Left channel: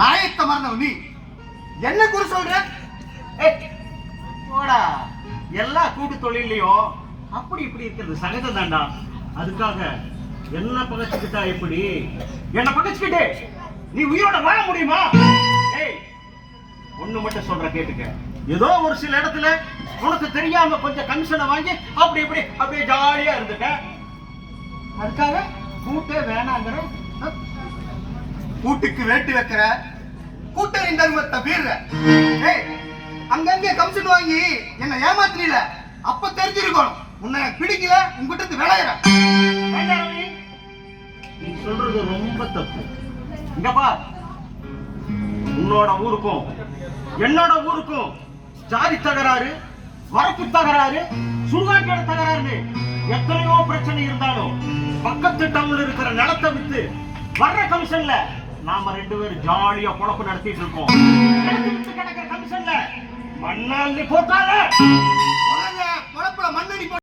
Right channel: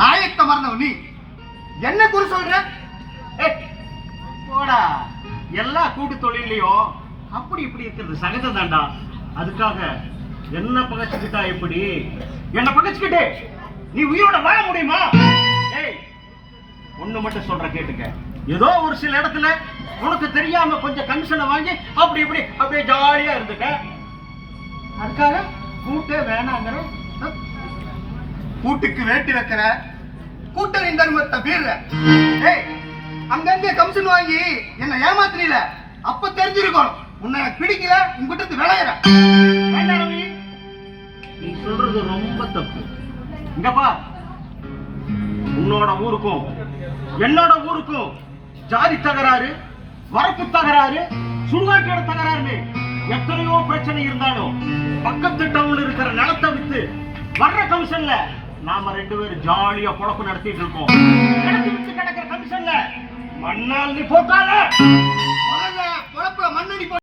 நாயத்தை மறந்தவ நீ என்ன குறி சொல்ற? போடா, எல்லா கூட்டு தொழிலையும் அப்படி இப்படி இருக்கிறது சகஜம் தான்டா. அதுக்காக என்ன பகச்சுக்கிட்டா எப்படி? என்ன பகச்சுக்கிட்டு நீ உயிரோட வாழ முடியுமா? ஏய், ஒண்ணு மட்டும் சொல்ற கேட்டுக்க. ஏதோ ஒரு சில இடத்துல உனக்கு தெரியாம கொஞ்சம் கமிஷனை வாங்கி அப்படி இப்படி அப்படியே ஜாலியா இருந்துட்ட. அதுக்காக கூட்டே வேணாங்கிற? கூட்டுக்கு வேட்டி வைக்கிற, கூட்டணியின் தர்மத்தை மீறுற. ஏய், அங்கங்க கமிஷன் வாங்கி என்ன ஏமாத்துறீல, அப்ப தெரிஞ்சிருக்கணும் உன்னை பிடிக்கல, உங்ககிட்ட விளையிற. நீ சொல்றது ரொம்ப தப்பு. இங்க பார், உன்னோட ஊருக்கும் என்னோட ஊருக்கும் ஜாதி தகராறு, வரப்பு தகராறு, சுடுகாட்டு தகராறு, எத்தனையோ பிரச்சனை இருந்தாலும் பக்கத்து டவுன்ல இருக்கிற நிலத்தை வித்து வர்ற கமிஷன்ல நாம 2 பேரும் ஜாலியா பொழப்பு நடத்திட்டு இருக்கோம். கிடக்கிற கமிஷன்ல மண்ணால் நீ போட்டால